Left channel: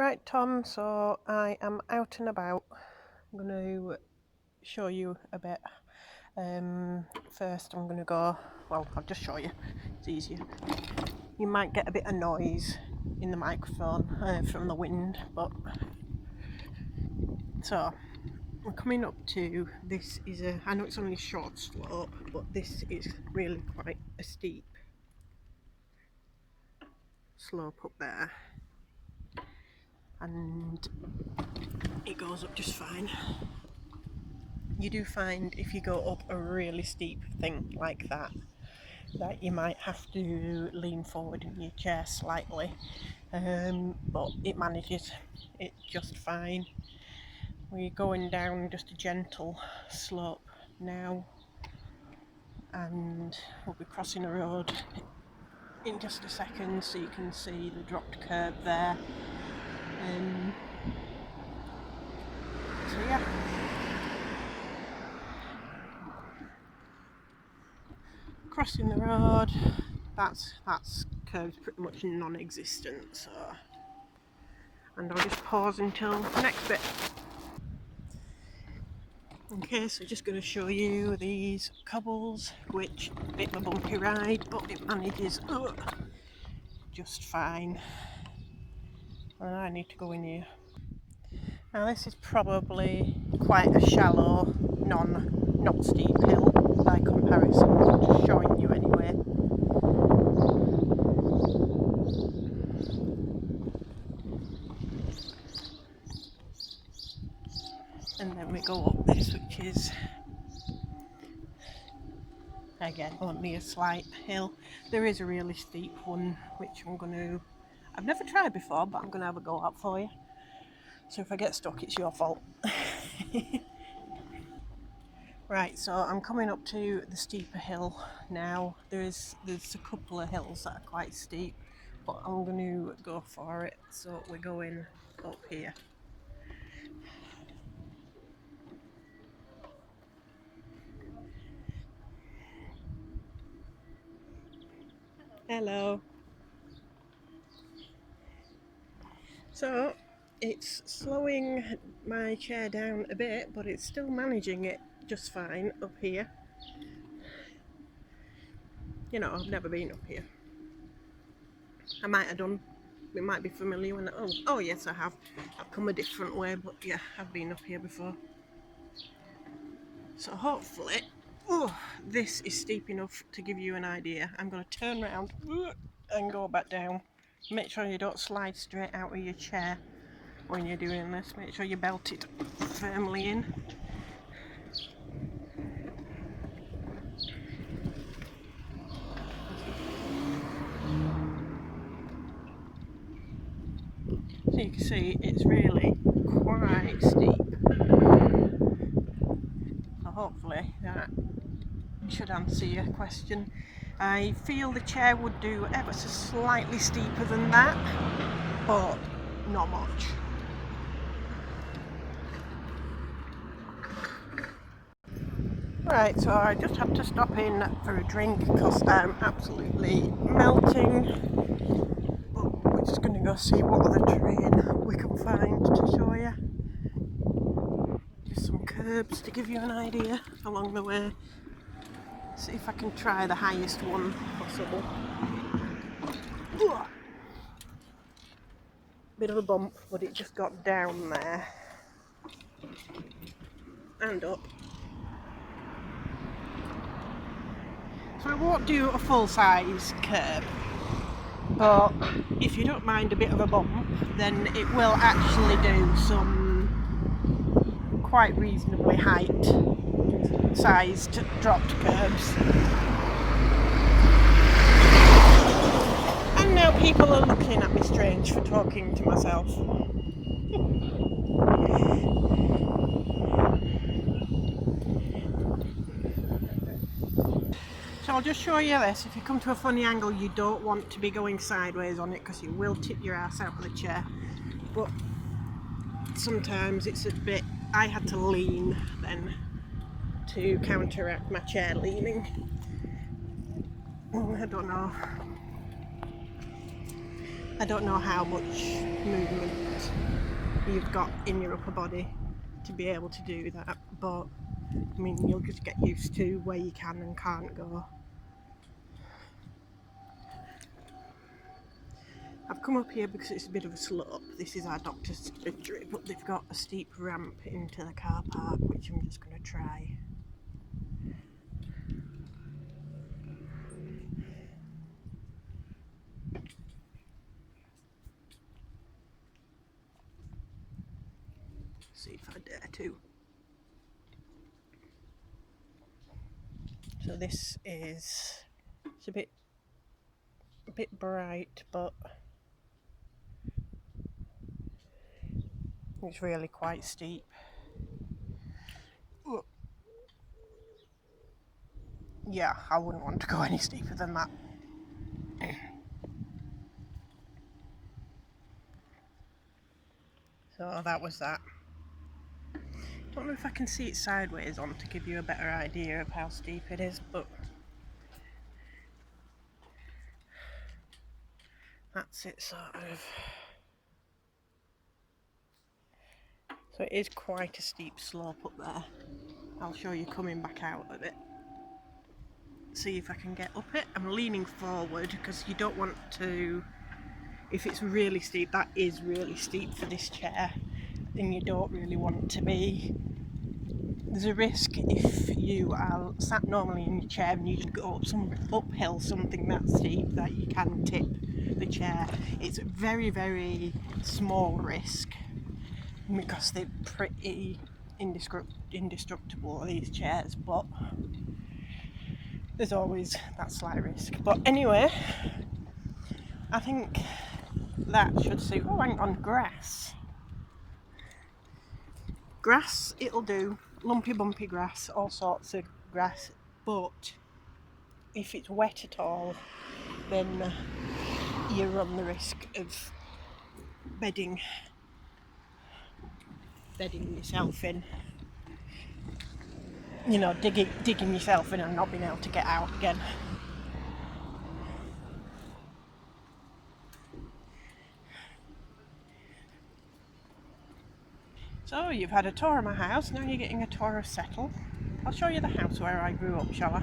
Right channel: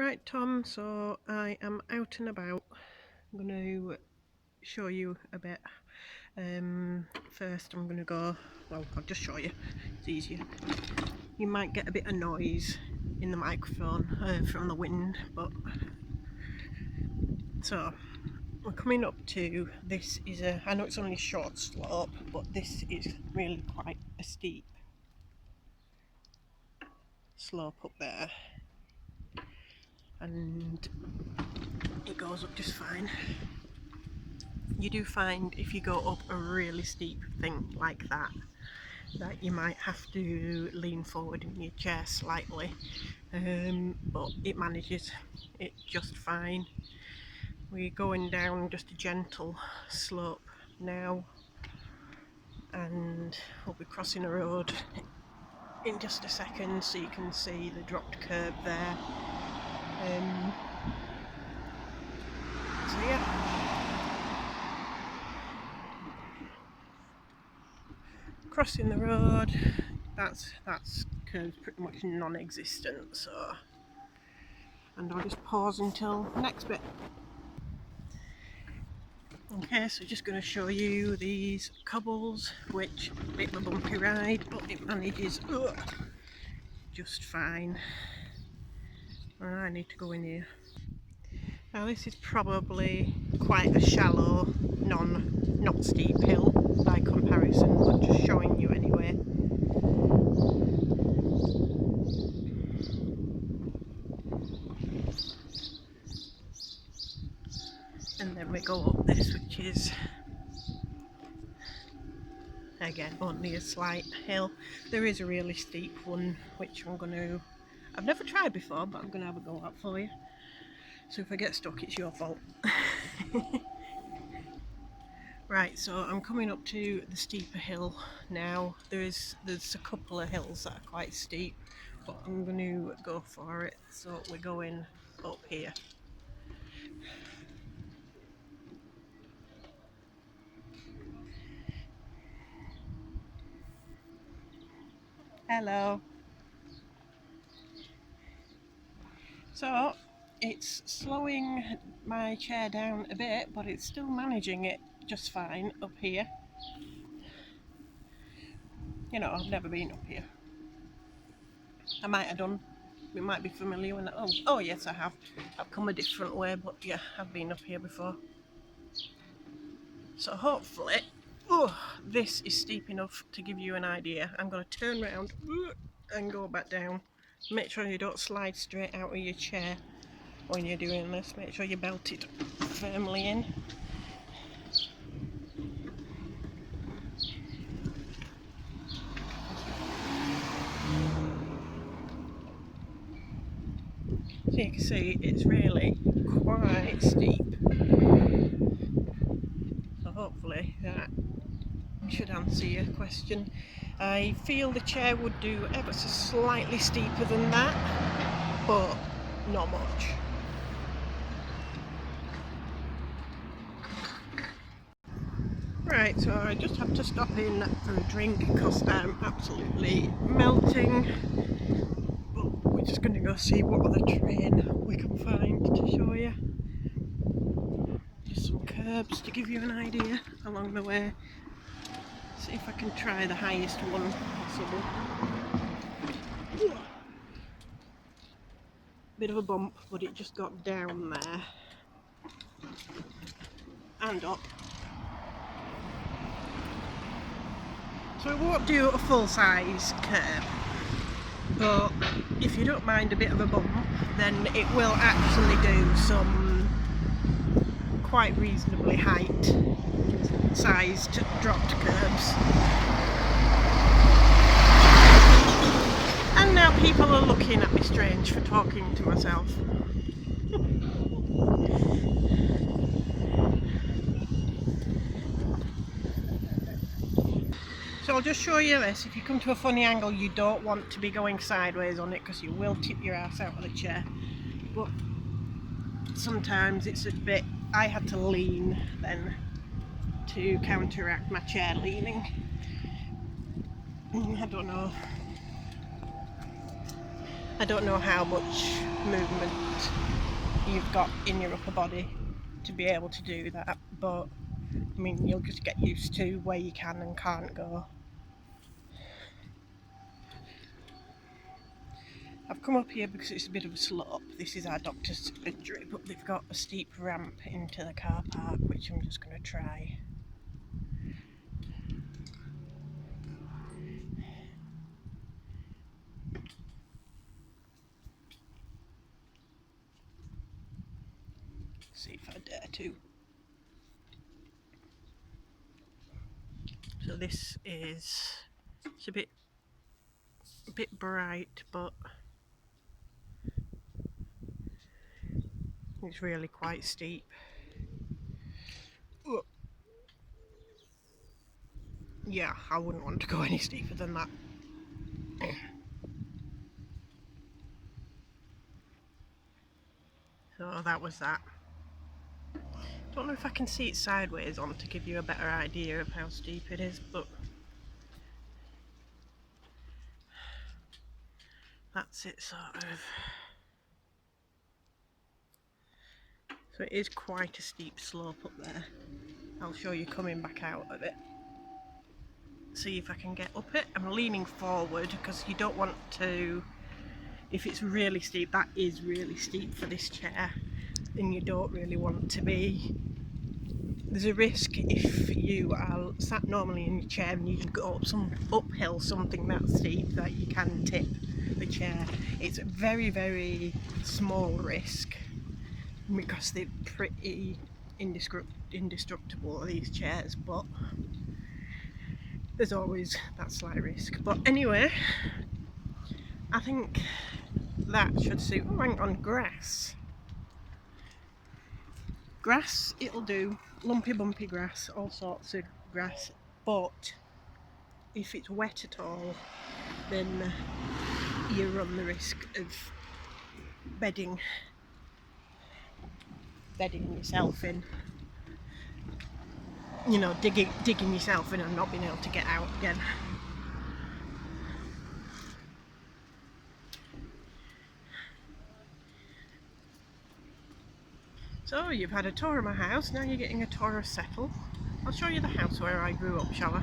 Right, Tom, so I am out and about. I'm going to show you a bit. First I'm going to go, well, I'll just show you, it's easier. You might get a bit of noise in the microphone from the wind, but so we're coming up to, this is I know it's only a short slope, but this is really quite a steep slope up there, and it goes up just fine. You do find if you go up a really steep thing like that you might have to lean forward in your chair slightly, but it manages it just fine. We're going down just a gentle slope now, and we'll be crossing a road in just a second, so you can see the dropped curb there. So yeah, crossing the road, that's curb's pretty much non-existent, so, and I'll just pause until the next bit. Okay, so just going to show you these cobbles, which a bit of a bumpy ride, but it manages just fine. And I need to go in here. Now this is probably quite a shallow, not steep hill by comparison, but just showing you anyway. And then we go up this, which is again only a slight hill. There is a really steep one, which I've never tried before, but I'm going to have a go at for you. So if I get stuck, it's your fault. Right, so I'm coming up to the steeper hill now. There's a couple of hills that are quite steep, but I'm going to go for it. So we're going up here. Hello. So it's slowing my chair down a bit, but it's still managing it just fine up here. You know, I've never been up here. I might have done. It might be familiar when oh yes, I have. I've come a different way, but yeah, I've been up here before. So hopefully, this is steep enough to give you an idea. I'm going to turn around and go back down. Make sure you don't slide straight out of your chair when you're doing this. Make sure you belt it firmly in. So you can see it's really quite steep. So hopefully that should answer your question. I feel the chair would do ever so slightly steeper than that, but not much. Right, so I just have to stop in for a drink because I'm absolutely melting. But we're just going to go see what other terrain we can find to show you. Just some curbs to give you an idea along the way. See if I can try the highest one possible. Bit of a bump, but it just got down there and up. So it won't do a full-size curb, but if you don't mind a bit of a bump, then it will actually do some quite reasonably height-sized dropped curbs. And now people are looking at me strange for talking to myself. So I'll just show you this. If you come to a funny angle, you don't want to be going sideways on it because you will tip your ass out of the chair. But sometimes it's a bit, I had to lean then to counteract my chair leaning. I don't know. I don't know how much movement you've got in your upper body to be able to do that, but I mean, you'll just get used to where you can and can't go. I've come up here because it's a bit of a slope. This is our doctor's surgery, but they've got a steep ramp into the car park, which I'm just going to try. See if I dare to. So this is, it's a bit bright, but it's really quite steep. Yeah, I wouldn't want to go any steeper than that. So that was that. Don't know if I can see it sideways on to give you a better idea of how steep it is, but that's it sort of. So it is quite a steep slope up there. I'll show you coming back out of it. See if I can get up it. I'm leaning forward because you don't want to, if it's really steep, that is really steep for this chair, and you don't really want to be. There's a risk if you are sat normally in your chair and you just go up some uphill something that steep that you can tip the chair. It's a very, very small risk because they're pretty indestructible, these chairs, but there's always that slight risk. But anyway, I think that should suit. Oh, hang on, grass. Grass, it'll do. Lumpy, bumpy grass, all sorts of grass. But if it's wet at all, then you run the risk of bedding yourself in. You know, digging yourself in and not being able to get out again. So you've had a tour of my house, now you're getting a tour of Settle. I'll show you the house where I grew up, shall I?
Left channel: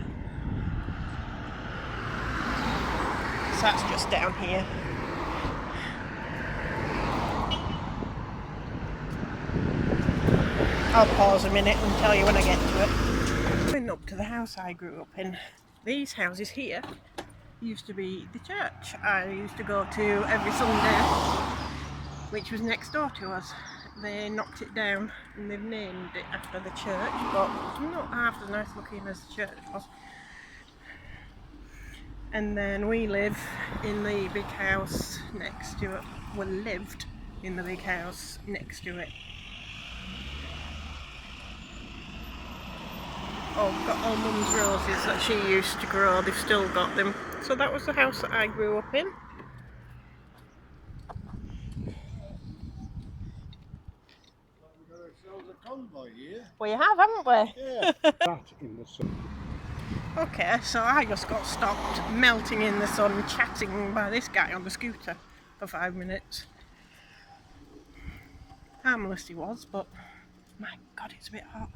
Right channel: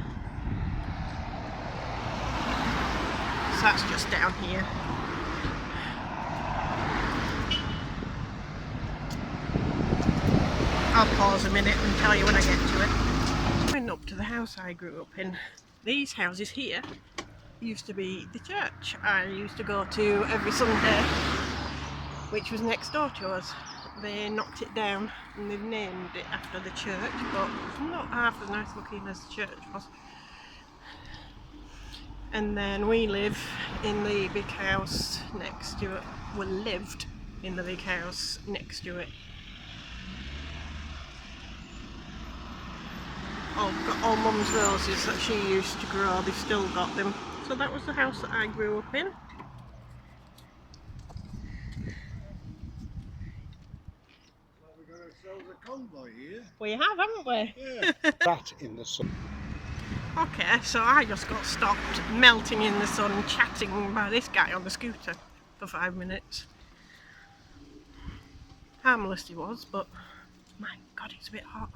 So that's just down here. I'll pause a minute and tell you when I get to it. Going up to the house I grew up in. These houses here used to be the church I used to go to every Sunday, which was next door to us. They knocked it down and they've named it after the church, but not half as nice looking as the church was. And then we live in the big house next to it. We lived in the big house next to it. Oh, got all Mum's roses that she used to grow, they've still got them. So that was the house that I grew up in. Convoy here. We have, haven't we? Yeah. That in the sun. Okay, so I just got stopped melting in the sun, chatting by this guy on the scooter for 5 minutes. Harmless he was, but my God, it's a bit hot.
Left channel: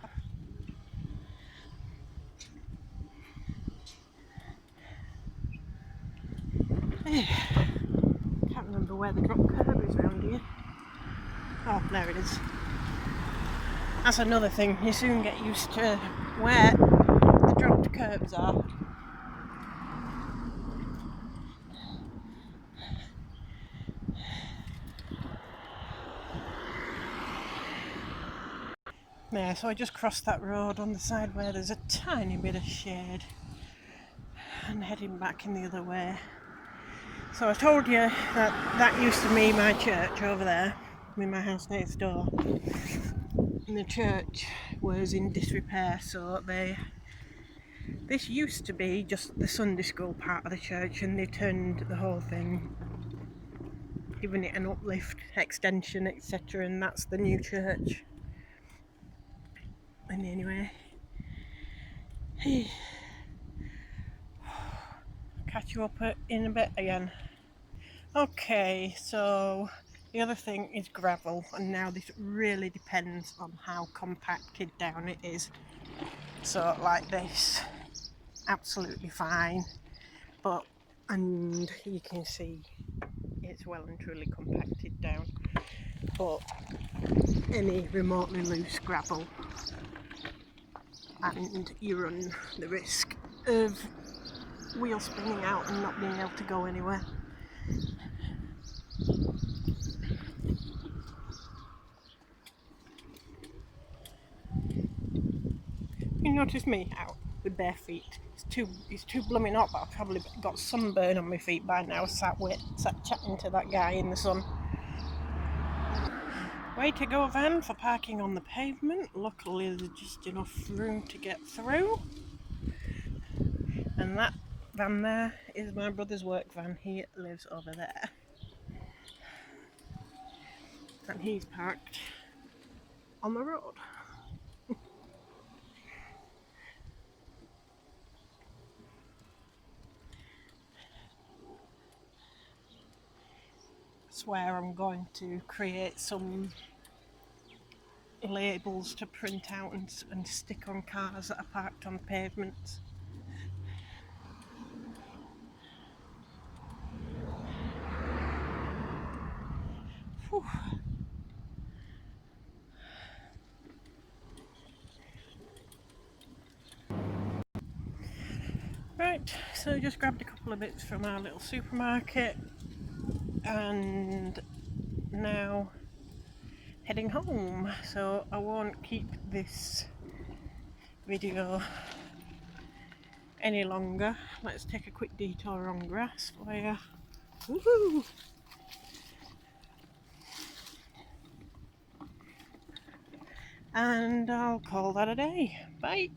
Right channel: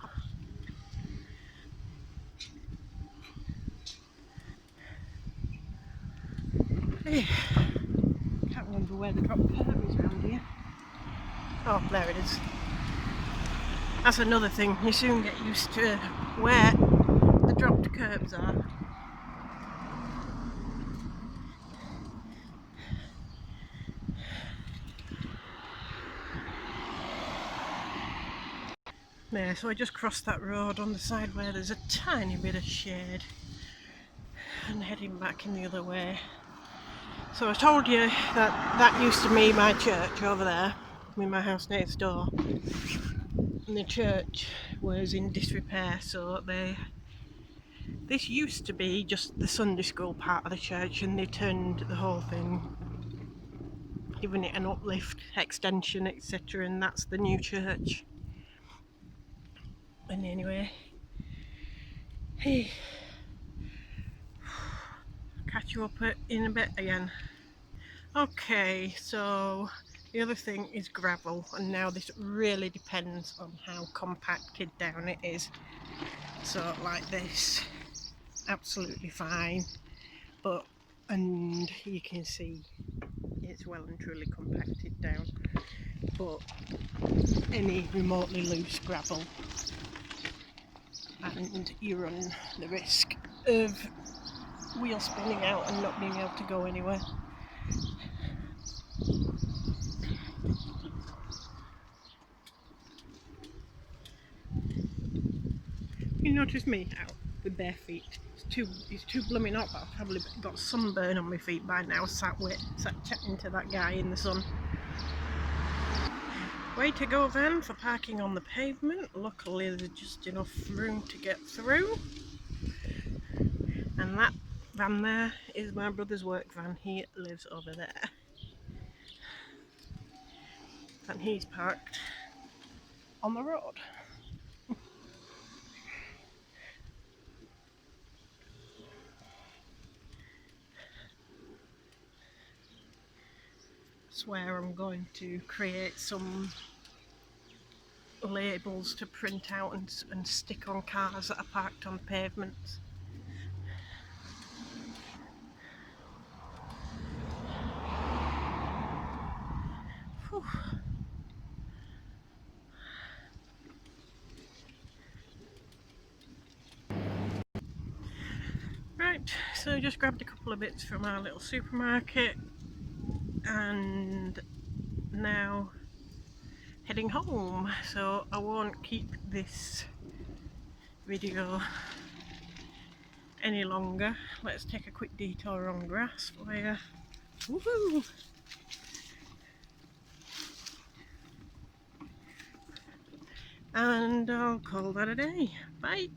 Hey, can't remember where the drop curb is round here. Oh, there it is. That's another thing, you soon get used to where the dropped curbs are. There, so I just crossed that road on the side where there's a tiny bit of shade and heading back in the other way. So I told you that used to be my church over there, with my house next door. And the church was in disrepair, so this used to be just the Sunday school part of the church, and they turned the whole thing, giving it an uplift, extension, etc., and that's the new church. And anyway, hey, catch you up in a bit again. Okay, so the other thing is gravel, and now this really depends on how compacted down it is. So like this, absolutely fine, but and you can see it's well and truly compacted down, but any remotely loose gravel and you run the risk of wheel spinning out and not being able to go anywhere. You notice me out with bare feet. It's too blooming hot, but I've probably got sunburn on my feet by now, sat chatting to that guy in the sun. Way to go, van, for parking on the pavement. Luckily there's just enough room to get through. And that van there is my brother's work van. He lives over there. And he's parked on the road. I swear I'm going to create some labels to print out and stick on cars that are parked on pavements. Whew. Right, so just grabbed a couple of bits from our little supermarket and now heading home. So I won't keep this video any longer. Let's take a quick detour on grass for you. Woohoo! And I'll call that a day. Bye.